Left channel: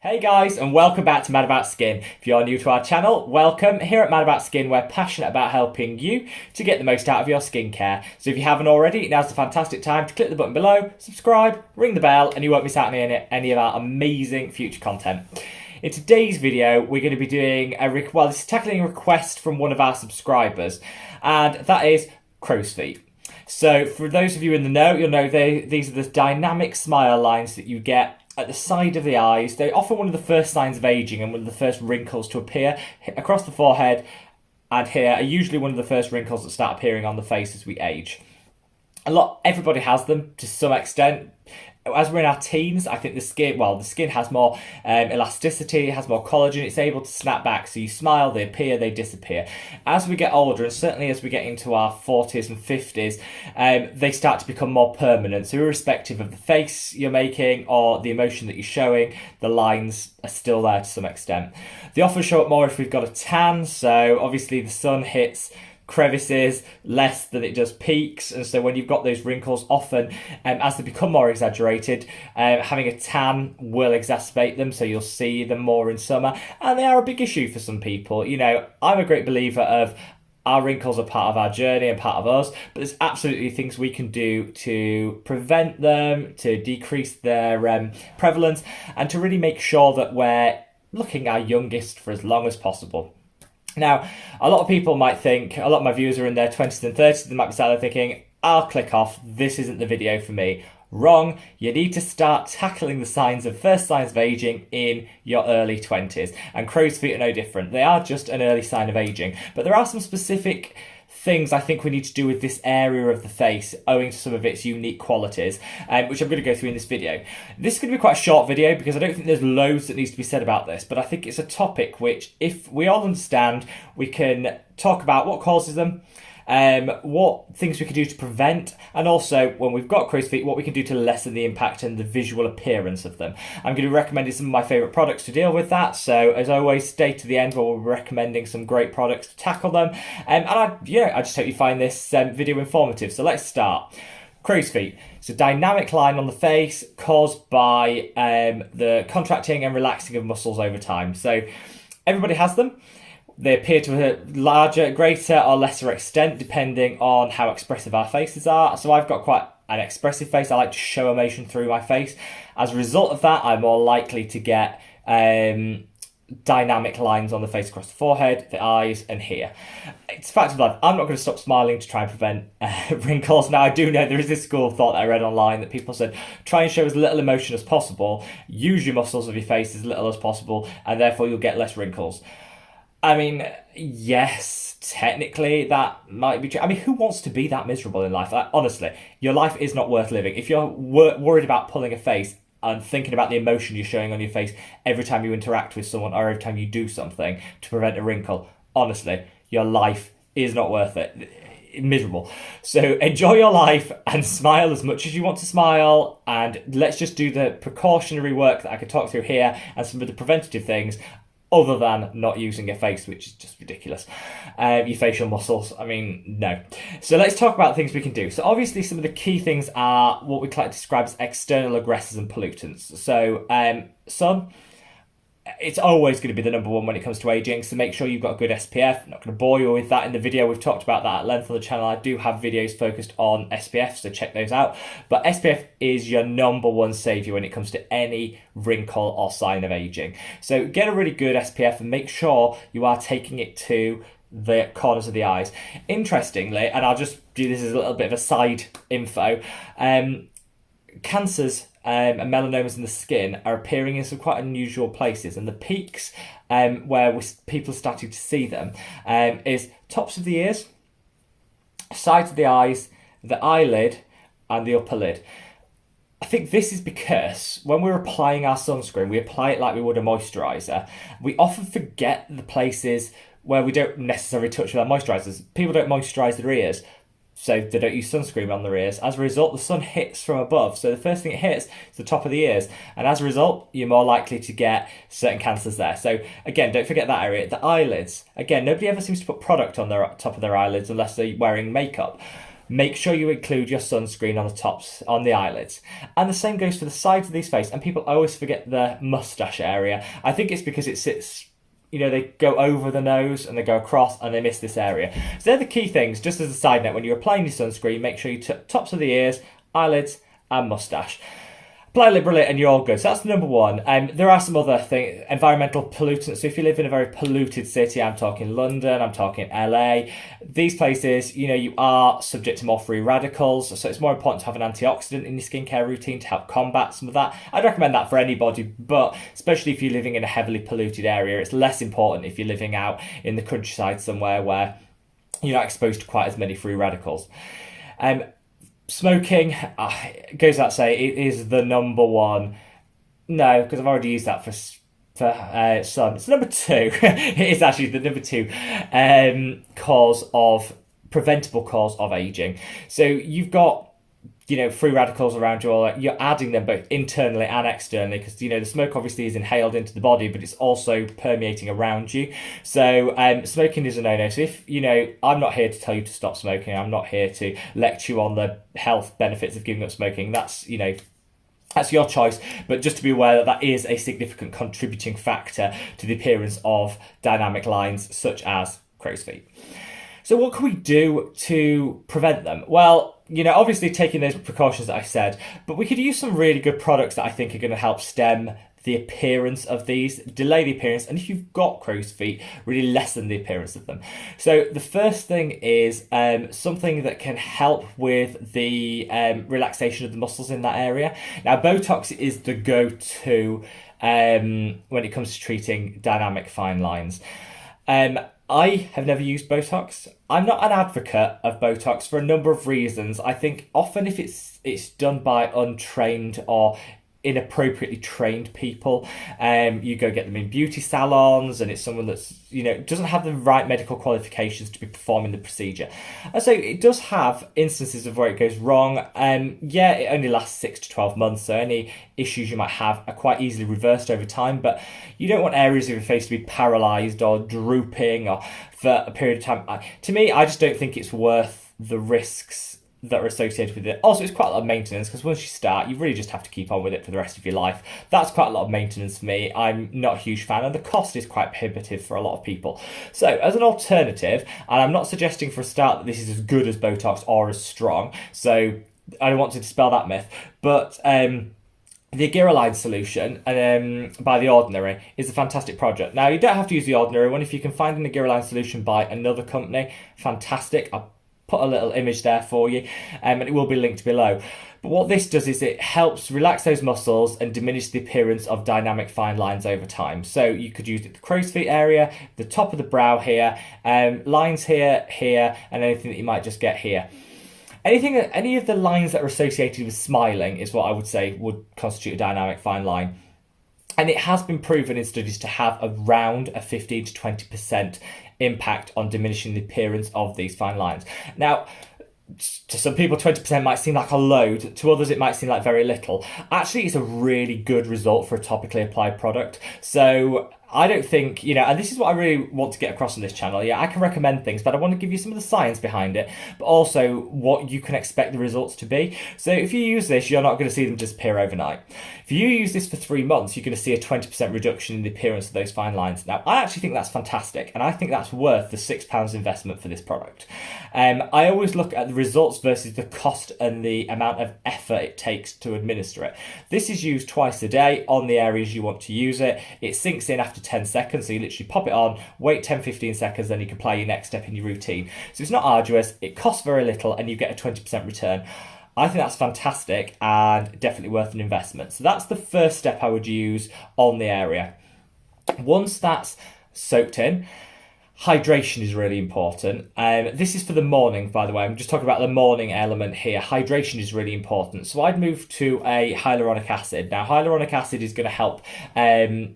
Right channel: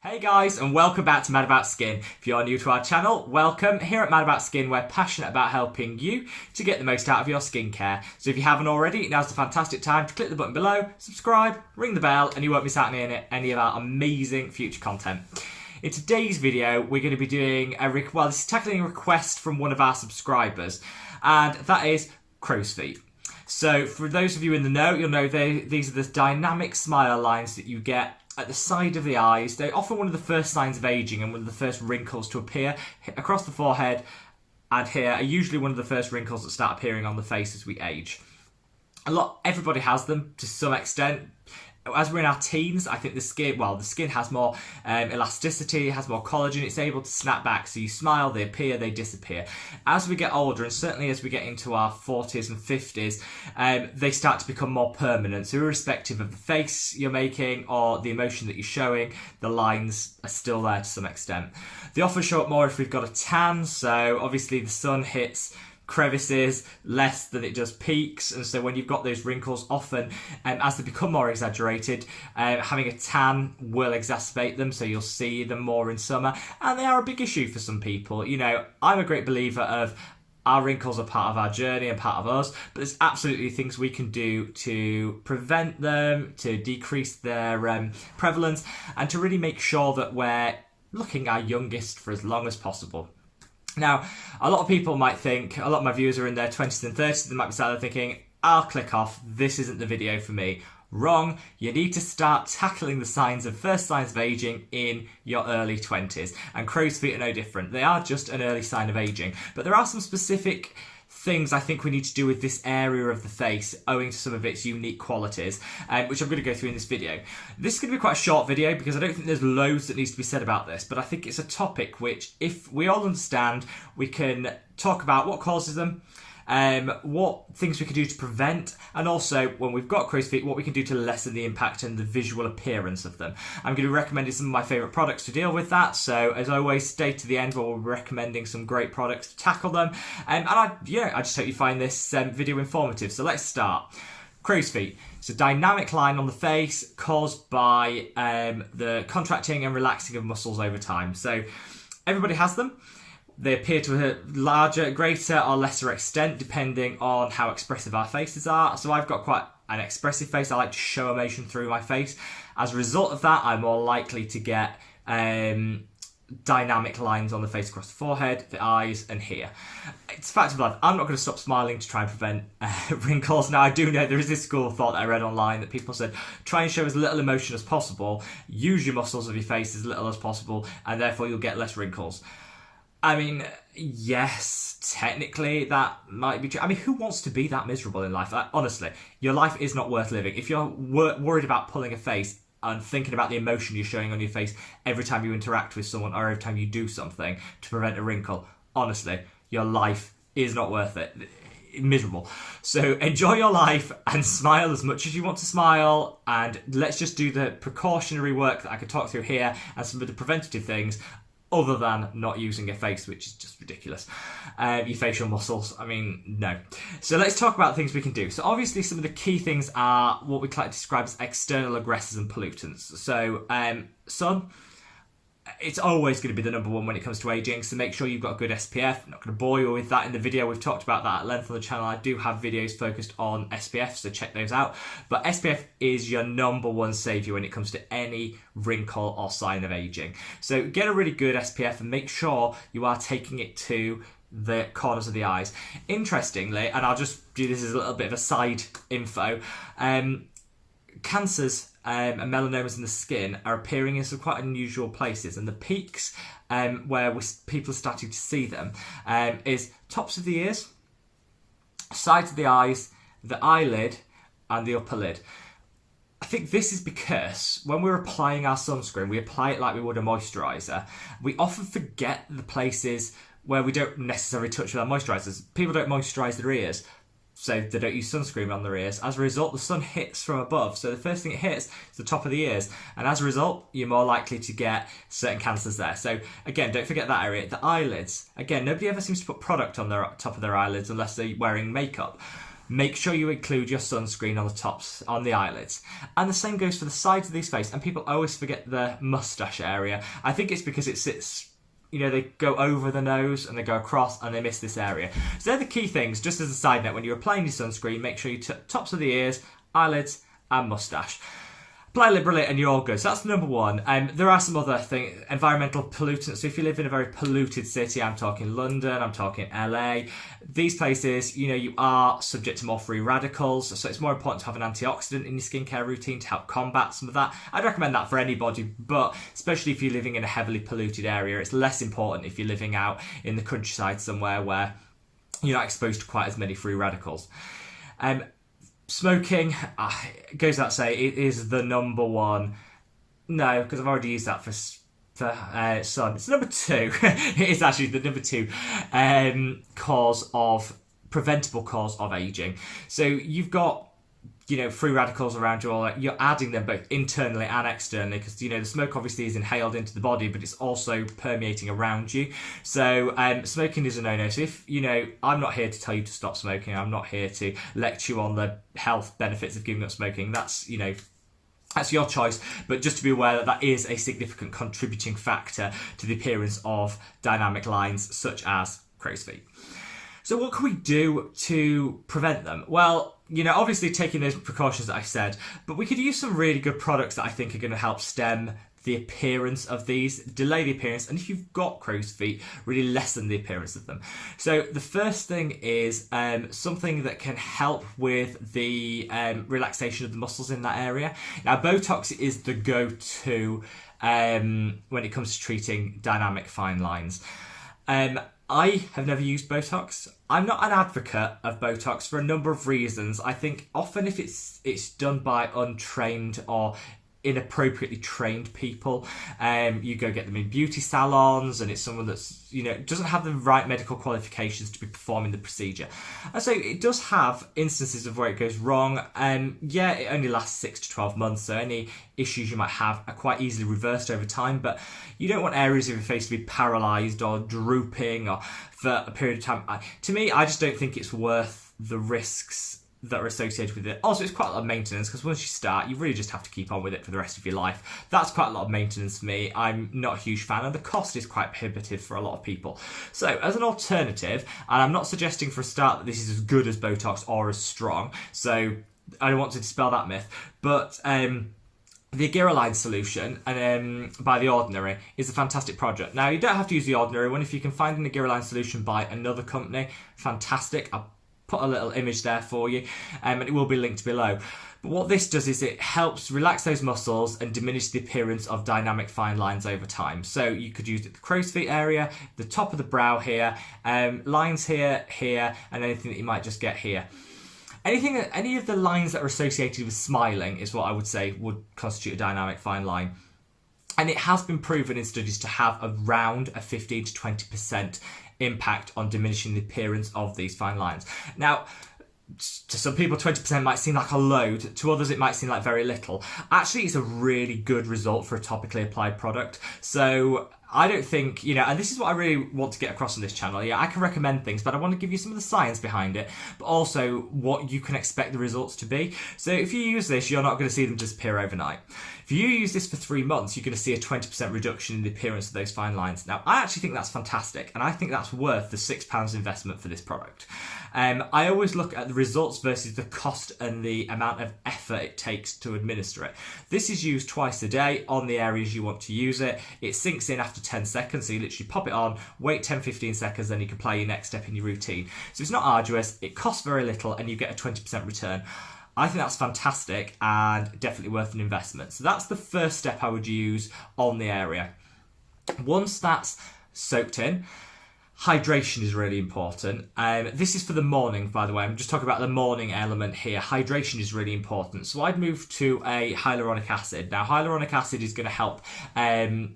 Hey guys, and welcome back to Mad About Skin. If you're new to our channel, welcome. Here at Mad About Skin, we're passionate about helping you to get the most out of your skincare. So if you haven't already, now's the fantastic time to click the button below, subscribe, ring the bell, and you won't miss out on any of our amazing future content. In today's video, we're going to be doing this is tackling a request from one of our subscribers, and that is crow's feet. So for those of you in the know, you'll know these are the dynamic smile lines that you get at the side of the eyes. They're often one of the first signs of aging and one of the first wrinkles to appear across the forehead, and here are usually one of the first wrinkles that start appearing on the face as we age. Everybody has them to some extent. As we're in our teens, I think the skin has more elasticity, has more collagen, it's able to snap back. So you smile, they appear, they disappear. As we get older, and certainly as we get into our 40s and 50s, they start to become more permanent. So irrespective of the face you're making or the emotion that you're showing, the lines are still there to some extent. They often show up more if we've got a tan, so obviously the sun hits crevices less than it does peaks, and so when you've got those wrinkles, often as they become more exaggerated, having a tan will exacerbate them, so you'll see them more in summer, and they are a big issue for some people. You know, I'm a great believer of our wrinkles are part of our journey and part of us, but there's absolutely things we can do to prevent them, to decrease their prevalence, and to really make sure that we're looking our youngest for as long as possible. Now, a lot of people might think, a lot of my viewers are in their 20s and 30s, they might be sat there thinking, I'll click off, this isn't the video for me. Wrong. You need to start tackling the first signs of aging in your early 20s. And crow's feet are no different. They are just an early sign of aging. But there are some specific things I think we need to do with this area of the face owing to some of its unique qualities, which I'm going to go through in this video. This is going to be quite a short video because I don't think there's loads that needs to be said about this, but I think it's a topic which, if we all understand, we can talk about what causes them, what things we can do to prevent, and also when we've got crow's feet, what we can do to lessen the impact and the visual appearance of them. I'm going to be recommending some of my favourite products to deal with that, so as always, stay to the end where we'll be recommending some great products to tackle them, and I just hope you find this video informative. So let's start. Crow's feet. It's a dynamic line on the face caused by the contracting and relaxing of muscles over time. So everybody has them. They appear to a larger, greater or lesser extent depending on how expressive our faces are. So I've got quite an expressive face. I like to show emotion through my face. As a result of that, I'm more likely to get dynamic lines on the face across the forehead, the eyes, and here. It's a fact of life. I'm not going to stop smiling to try and prevent wrinkles. Now, I do know there is this school of thought that I read online that people said, try and show as little emotion as possible, use your muscles of your face as little as possible, and therefore you'll get less wrinkles. I mean, yes, technically that might be true. I mean, who wants to be that miserable in life? Honestly, your life is not worth living. If you're worried about pulling a face and thinking about the emotion you're showing on your face every time you interact with someone or every time you do something to prevent a wrinkle, honestly, your life is not worth it. Miserable. So enjoy your life and smile as much as you want to smile, and let's just do the precautionary work that I could talk through here and some of the preventative things, other than not using your face, which is just ridiculous. Your facial muscles, I mean, no. So let's talk about things we can do. So obviously some of the key things are what we like to describe as external aggressors and pollutants. So sun, it's always going to be the number one when it comes to aging, so make sure you've got a good SPF. I'm not going to bore you with that in the video. We've talked about that at length on the channel. I do have videos focused on SPF, so check those out. But SPF is your number one saviour when it comes to any wrinkle or sign of aging. So get a really good SPF and make sure you are taking it to the corners of the eyes. Interestingly, and I'll just do this as a little bit of a side info, cancers and melanomas in the skin are appearing in some quite unusual places, and the peaks where people are starting to see them is tops of the ears, sides of the eyes, the eyelid, and the upper lid. I think this is because when we're applying our sunscreen, we apply it like we would a moisturiser. We often forget the places where we don't necessarily touch with our moisturisers. People don't moisturise their ears, so they don't use sunscreen on their ears. As a result, the sun hits from above, so the first thing it hits is the top of the ears, and as a result, you're more likely to get certain cancers there. So again, don't forget that area. The eyelids, again, nobody ever seems to put product on their top of their eyelids unless they're wearing makeup. make sure you include your sunscreen on the tops, on the eyelids. And the same goes for the sides of these face. And people always forget the mustache area. I think it's because it sits, they go over the nose and they go across and they miss this area. So they're the key things. Just as a side note, when you're applying your sunscreen, make sure you tops of the ears, eyelids, and mustache. Apply liberally and you're all good. So that's number one. There are some other things, environmental pollutants. So if you live in a very polluted city, I'm talking London, I'm talking LA, these places, you are subject to more free radicals. So it's more important to have an antioxidant in your skincare routine to help combat some of that. I'd recommend that for anybody, but especially if you're living in a heavily polluted area, it's less important if you're living out in the countryside somewhere where you're not exposed to quite as many free radicals. Smoking, goes without say, it is the number one. No, because I've already used that for sun. It's number two. It is actually the number two preventable cause of aging. So you've got free radicals around you all. You're adding them both internally and externally because, the smoke obviously is inhaled into the body, but it's also permeating around you. So smoking is a no-no. So if, I'm not here to tell you to stop smoking. I'm not here to lecture you on the health benefits of giving up smoking. That's your choice, but just to be aware that is a significant contributing factor to the appearance of dynamic lines such as crow's feet. So what can we do to prevent them? Well, obviously taking those precautions that I said, but we could use some really good products that I think are going to help stem the appearance of these, delay the appearance, and if you've got crow's feet, really lessen the appearance of them. So the first thing is something that can help with the relaxation of the muscles in that area. Now, Botox is the go-to when it comes to treating dynamic fine lines. I have never used Botox. I'm not an advocate of Botox for a number of reasons. I think often if it's done by untrained or inappropriately trained people, you go get them in beauty salons and it's someone that's doesn't have the right medical qualifications to be performing the procedure, and so it does have instances of where it goes wrong. It only lasts 6 to 12 months, so any issues you might have are quite easily reversed over time, but you don't want areas of your face to be paralyzed or drooping or for a period of time. To me, I just don't think it's worth the risks that are associated with it. Also, it's quite a lot of maintenance because once you start, you really just have to keep on with it for the rest of your life. That's quite a lot of maintenance for me. I'm not a huge fan, and the cost is quite prohibitive for a lot of people. So as an alternative, and I'm not suggesting for a start that this is as good as Botox or as strong, so I don't want to dispel that myth, but the Agiriline solution by The Ordinary is a fantastic product. Now, you don't have to use The Ordinary one. If you can find an Agiriline solution by another company, fantastic. I'll put a little image there for you, and it will be linked below. But what this does is it helps relax those muscles and diminish the appearance of dynamic fine lines over time. So you could use it the crow's feet area, the top of the brow here, lines here, and anything that you might just get here. Any of the lines that are associated with smiling is what I would say would constitute a dynamic fine line. And it has been proven in studies to have around a 15 to 20% impact on diminishing the appearance of these fine lines. Now, to some people, 20% might seem like a load. To others, it might seem like very little. Actually, it's a really good result for a topically applied product. So I don't think, and this is what I really want to get across on this channel. Yeah, I can recommend things, but I want to give you some of the science behind it, but also what you can expect the results to be. So if you use this, you're not going to see them disappear overnight. If you use this for 3 months, you're going to see a 20% reduction in the appearance of those fine lines. Now, I actually think that's fantastic, and I think that's worth the £6 investment for this product. I always look at the results versus the cost and the amount of effort it takes to administer it. This is used twice a day on the areas you want to use it. It sinks in after 10 seconds, so you literally pop it on, wait 10-15 seconds, then you can apply your next step in your routine. So it's not arduous, it costs very little, and you get a 20% return. I think that's fantastic and definitely worth an investment. So that's the first step I would use on the area. Once that's soaked in, hydration is really important. This is for the morning, by the way. I'm just talking about the morning element here. Hydration is really important. So I'd move to a hyaluronic acid. Now, hyaluronic acid is going to help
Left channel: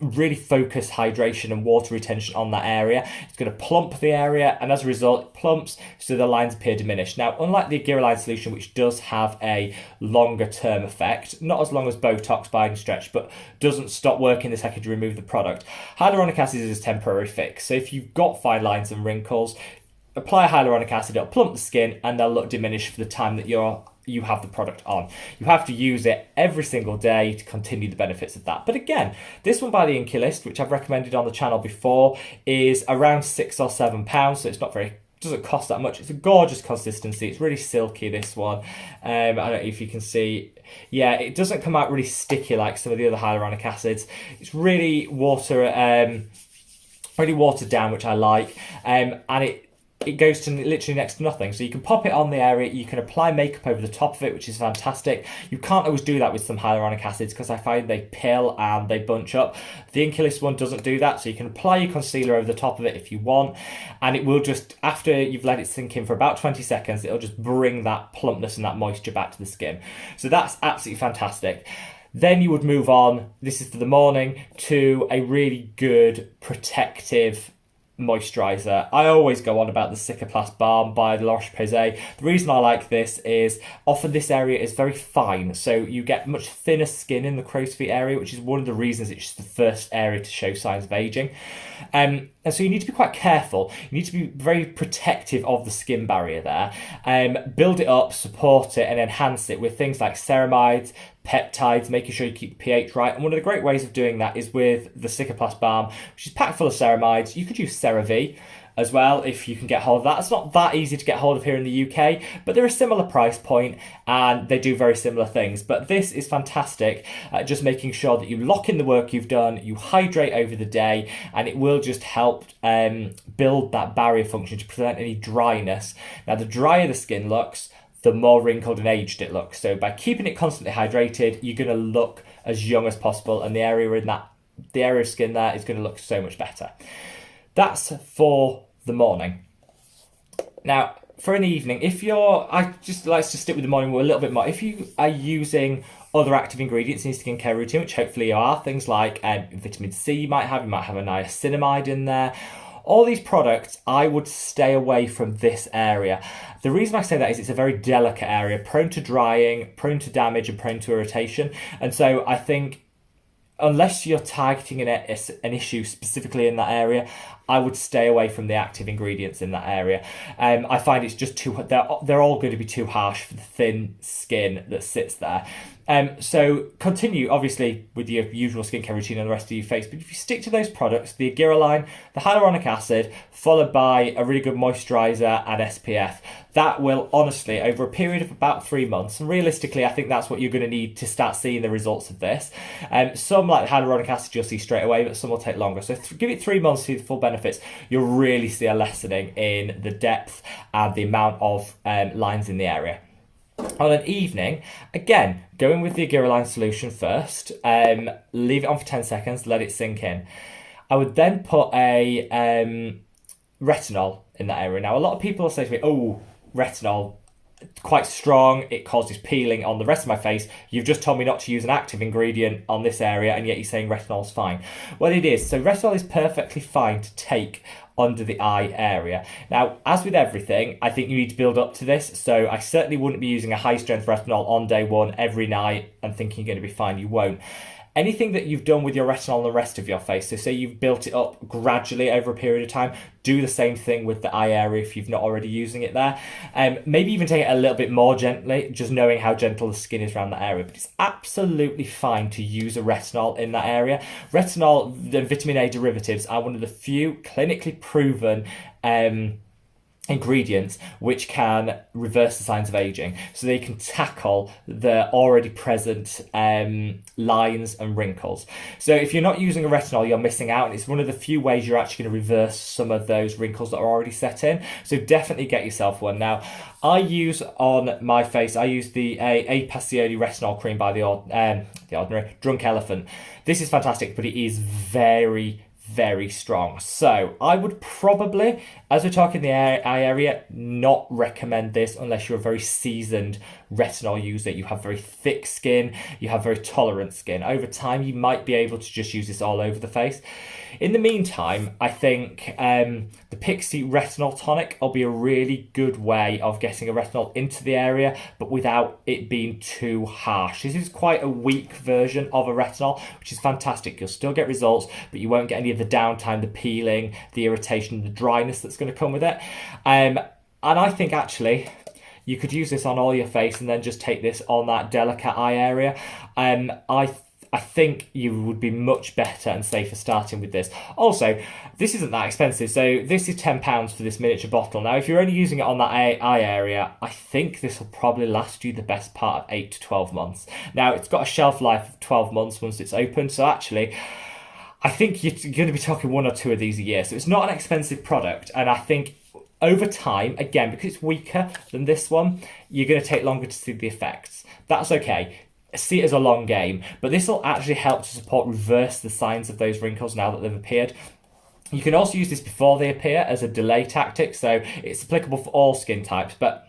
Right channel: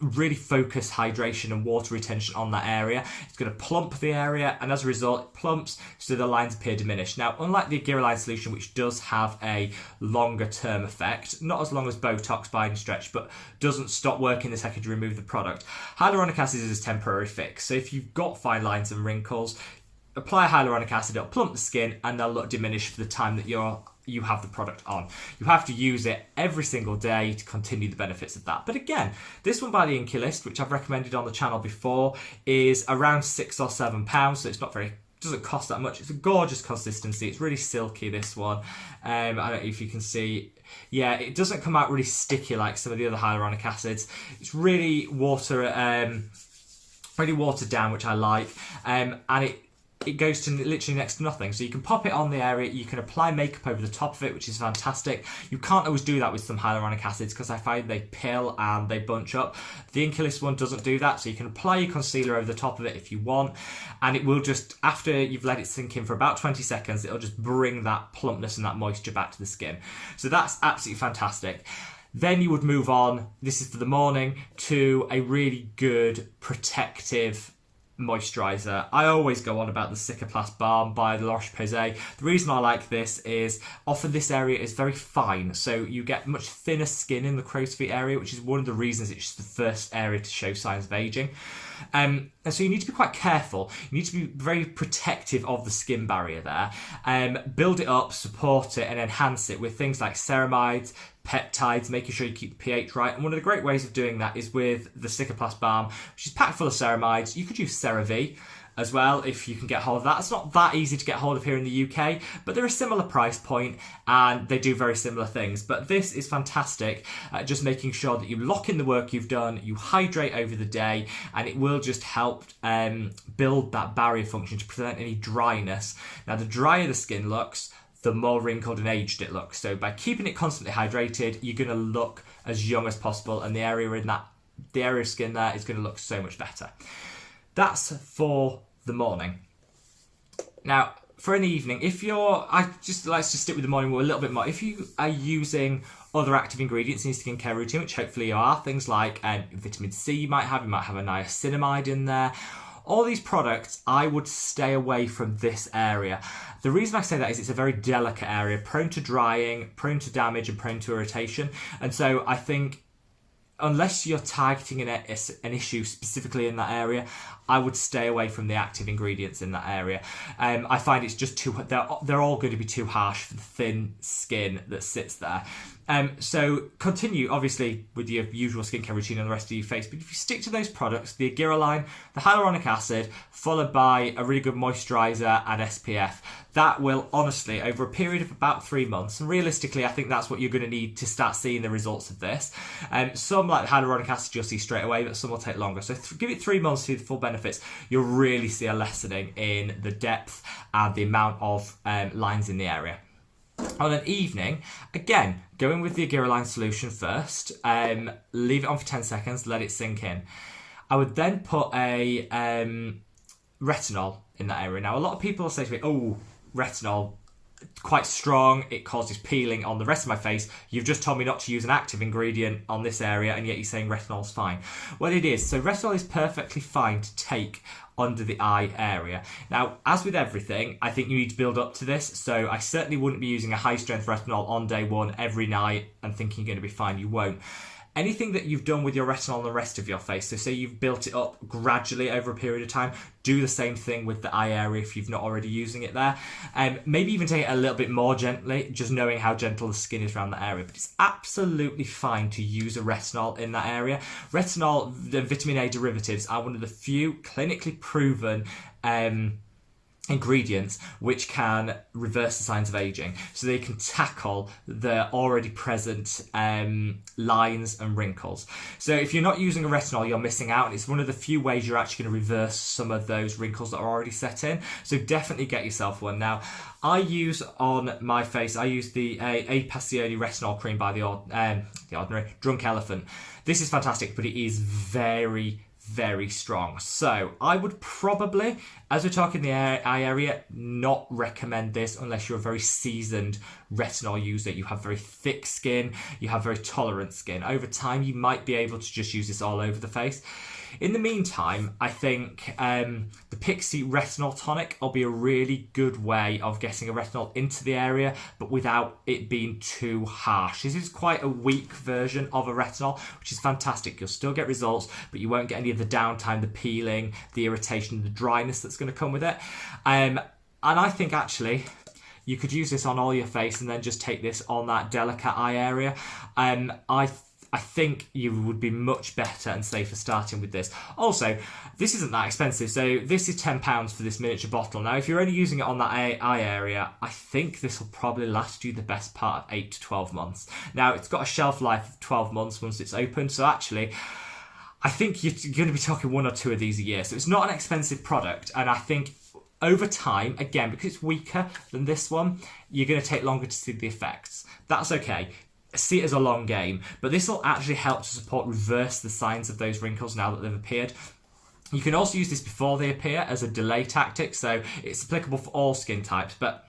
really focus hydration and water retention on that area. It's going to plump the area, and as a result, it plumps so the lines appear diminished. Now, unlike the Agiriline solution, which does have a longer term effect, not as long as Botox by any stretch, but doesn't stop working the second you remove the product, hyaluronic acid is a temporary fix. So if you've got fine lines and wrinkles, apply hyaluronic acid, it'll plump the skin, and they'll look diminished for the time that you have the product on. You have to use it every single day to continue the benefits of that. But again, this one by the Inculist, which I've recommended on the channel before, is around £6 or £7, so it's not very, doesn't cost that much. It's a gorgeous consistency. It's really silky, this one. I don't know if you can see. Yeah, it doesn't come out really sticky like some of the other hyaluronic acids. It's really watered down, which I like, and it goes to literally next to nothing. So you can pop it on the area, you can apply makeup over the top of it, which is fantastic. You can't always do that with some hyaluronic acids because I find they pill and they bunch up. The Inculist one doesn't do that, so you can apply your concealer over the top of it if you want, and it will just, after you've let it sink in for about 20 seconds, it'll just bring that plumpness and that moisture back to the skin. So that's absolutely fantastic. Then you would move on, this is for the morning, to a really good protective moisturizer. I always go on about the Cicaplast Balm by La Roche-Posay. The reason I like this is often this area is very fine, so you get much thinner skin in the crow's feet area, which is one of the reasons it's the first area to show signs of aging. And so you need to be quite careful. You need to be very protective of the skin barrier there. Build it up, support it, and enhance it with things like ceramides, peptides, making sure you keep the pH right. And one of the great ways of doing that is with the Cicaplast Balm, which is packed full of ceramides. You could use CeraVe as well if you can get hold of that. It's not that easy to get hold of here in the UK, but they're a similar price point and they do very similar things. But this is fantastic at just making sure that you lock in the work you've done, you hydrate over the day, and it will just help build that barrier function to prevent any dryness. Now, the drier the skin looks, the more wrinkled and aged it looks. So by keeping it constantly hydrated, you're going to look as young as possible, and the area of skin there is going to look so much better. That's for the morning. Now, for an evening, let's just stick with the morning a little bit more. If you are using other active ingredients in your skincare routine, which hopefully you are, things like vitamin C you might have a niacinamide in there. All these products, I would stay away from this area. The reason I say that is it's a very delicate area, prone to drying, prone to damage, and prone to irritation. And so I think unless you're targeting an issue specifically in that area, I would stay away from the active ingredients in that area. I find it's just they're all going to be too harsh for the thin skin that sits there. So continue, obviously, with your usual skincare routine on the rest of your face. But if you stick to those products, the agiriline, the hyaluronic acid, followed by a really good moisturiser and SPF, that will honestly, over a period of about 3 months, and realistically, I think that's what you're going to need to start seeing the results of this. Some, like the hyaluronic acid, you'll see straight away, but some will take longer. So give it 3 months to see the full benefits. You'll really see a lessening in the depth and the amount of lines in the area. On an evening, again, go in with the agiriline solution first, leave it on for 10 seconds, let it sink in. I would then put a retinol in that area. Now, a lot of people will say to me, oh, retinol, quite strong, it causes peeling on the rest of my face. You've just told me not to use an active ingredient on this area, and yet you're saying retinol's fine. Well, it is. So retinol is perfectly fine to take under the eye area. Now, as with everything, I think you need to build up to this. So I certainly wouldn't be using a high strength retinol on day one every night and thinking you're going to be fine. You won't. Anything that you've done with your retinol on the rest of your face, so say you've built it up gradually over a period of time, do the same thing with the eye area if you've not already using it there. Maybe even take it a little bit more gently, just knowing how gentle the skin is around that area. But it's absolutely fine to use a retinol in that area. Retinol and vitamin A derivatives are one of the few clinically proven ingredients which can reverse the signs of aging, so they can tackle the already present lines and wrinkles. So if you're not using a retinol, you're missing out, and it's one of the few ways you're actually going to reverse some of those wrinkles that are already set in. So definitely get yourself one. Now, I use on my face, I use the a passioni retinol cream by the Ordinary Drunk Elephant. This is fantastic, but it is very strong. So I would probably, as we're talking the eye area, not recommend this unless you're a very seasoned retinol user, you have very thick skin, you have very tolerant skin. Over time, you might be able to just use this all over the face. In the meantime, I think the Pixi Retinol Tonic will be a really good way of getting a retinol into the area, but without it being too harsh. This is quite a weak version of a retinol, which is fantastic. You'll still get results, but you won't get any of the downtime, the peeling, the irritation, the dryness that's going to come with it. And I think actually you could use this on all your face and then just take this on that delicate eye area. I think you would be much better and safer starting with this. Also, this isn't that expensive. So this is £10 for this miniature bottle. Now, if you're only using it on that eye area, I think this will probably last you the best part of 8 to 12 months. Now, it's got a shelf life of 12 months once it's open. So actually, I think you're going to be talking 1 or 2 of these a year. So it's not an expensive product. And I think over time, again, because it's weaker than this one, you're going to take longer to see the effects. That's okay. See it as a long game, but this will actually help to reverse the signs of those wrinkles now that they've appeared. You can also use this before they appear as a delay tactic, so it's applicable for all skin types, but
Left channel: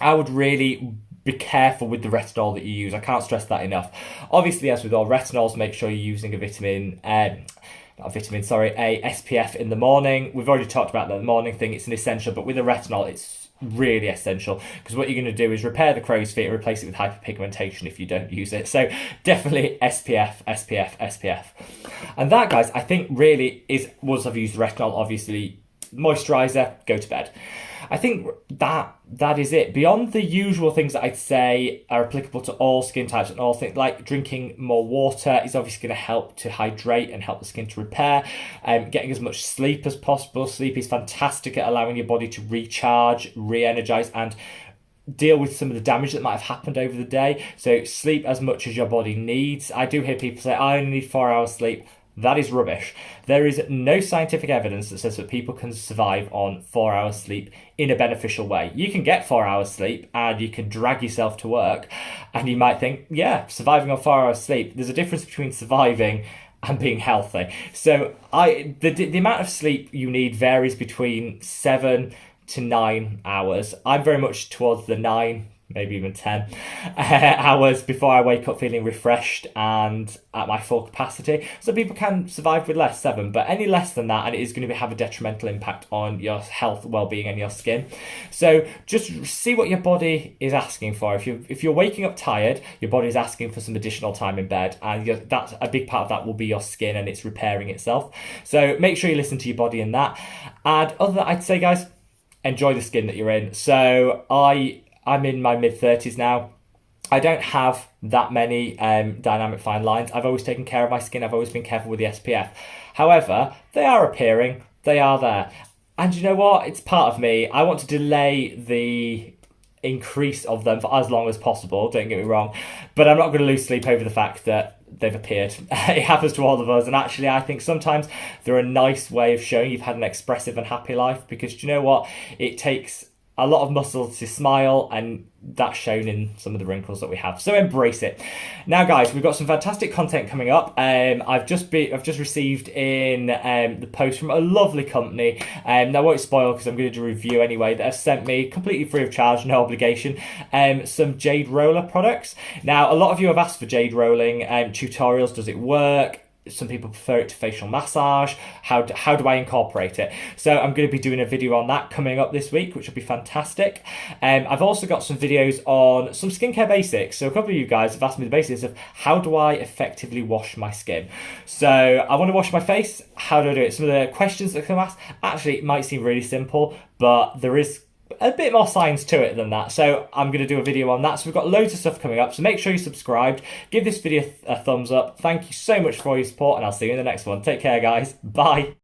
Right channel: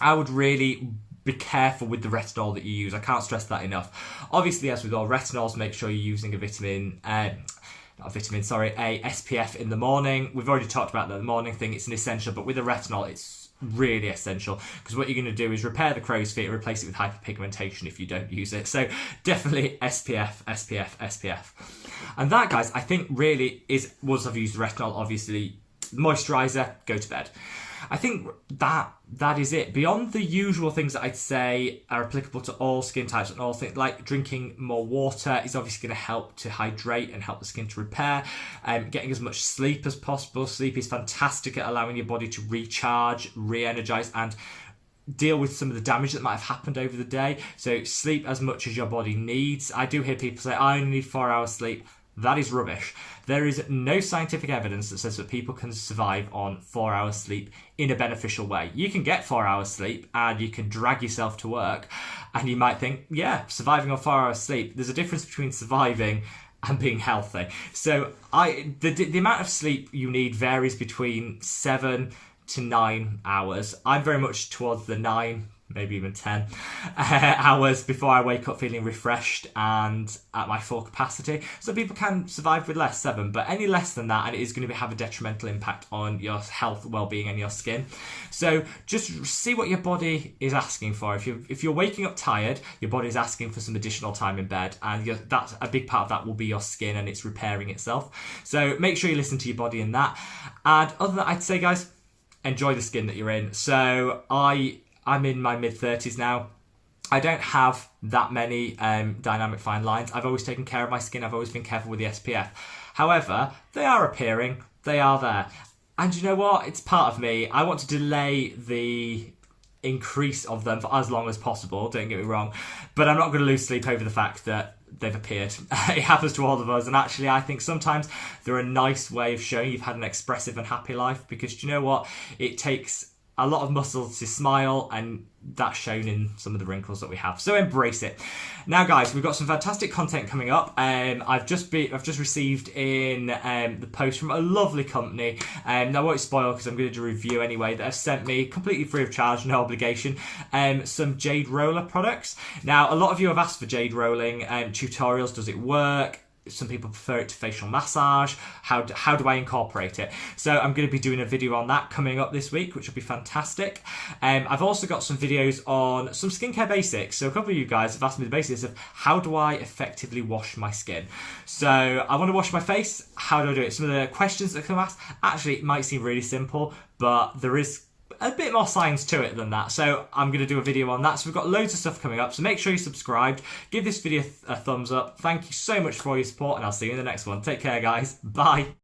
I would really be careful with the retinol that you use. I can't stress that enough. Obviously, as with all retinols, make sure you're using a SPF in the morning. We've already talked about the morning thing. It's an essential, but with a retinol, it's really essential, because what you're going to do is repair the crow's feet and replace it with hyperpigmentation if you don't use it. So definitely SPF. And that, guys, I think really is, once I've used the retinol, obviously moisturizer, go to bed. I think that is it. Beyond the usual things that I'd say are applicable to all skin types and all things, like drinking more water is obviously going to help to hydrate and help the skin to repair. Getting as much sleep as possible. Sleep is fantastic at allowing your body to recharge, re-energize, and deal with some of the damage that might have happened over the day. So sleep as much as your body needs. I do hear people say, I only need 4 hours sleep. That is rubbish. There is no scientific evidence that says that people can survive on 4 hours sleep in a beneficial way. You can get 4 hours sleep and you can drag yourself to work, and you might think, yeah, surviving on 4 hours sleep. There's a difference between surviving and being healthy. So the amount of sleep you need varies between 7 to 9 hours. I'm very much towards the 9, maybe even 10 hours before I wake up feeling refreshed and at my full capacity. So people can survive with less, 7, but any less than that, and it is going to have a detrimental impact on your health, well-being, and your skin. So just see what your body is asking for. If you're waking up tired, your body is asking for some additional time in bed, and that's a big part of that will be your skin, and it's repairing itself. So make sure you listen to your body in that. And other than that, I'd say, guys, enjoy the skin that you're in. So I'm in my mid-30s now. I don't have that many dynamic fine lines. I've always taken care of my skin. I've always been careful with the SPF. However, they are appearing. They are there. And you know what? It's part of me. I want to delay the increase of them for as long as possible. Don't get me wrong. But I'm not going to lose sleep over the fact that they've appeared. It happens to all of us. And actually, I think sometimes they're a nice way of showing you've had an expressive and happy life, because you know what? It takes a lot of muscles to smile, and that's shown in some of the wrinkles that we have. So embrace it. Now, guys, we've got some fantastic content coming up. I've just received in the post from a lovely company. Now, I won't spoil because I'm going to do a review anyway, that have sent me completely free of charge, no obligation, some jade roller products. Now, a lot of you have asked for jade rolling tutorials. Does it work? Some people prefer it to facial massage. How do I incorporate it? So I'm going to be doing a video on that coming up this week, which will be fantastic. I've also got some videos on some skincare basics. So a couple of you guys have asked me the basics of how do I effectively wash my skin. So I want to wash my face. How do I do it? Some of the questions that come asked, actually, it might seem really simple, but there is a bit more science to it than that. So I'm going to do a video on that. So we've got loads of stuff coming up. So make sure you're subscribed. Give this video a thumbs up. Thank you so much for all your support, and I'll see you in the next one. Take care, guys. Bye.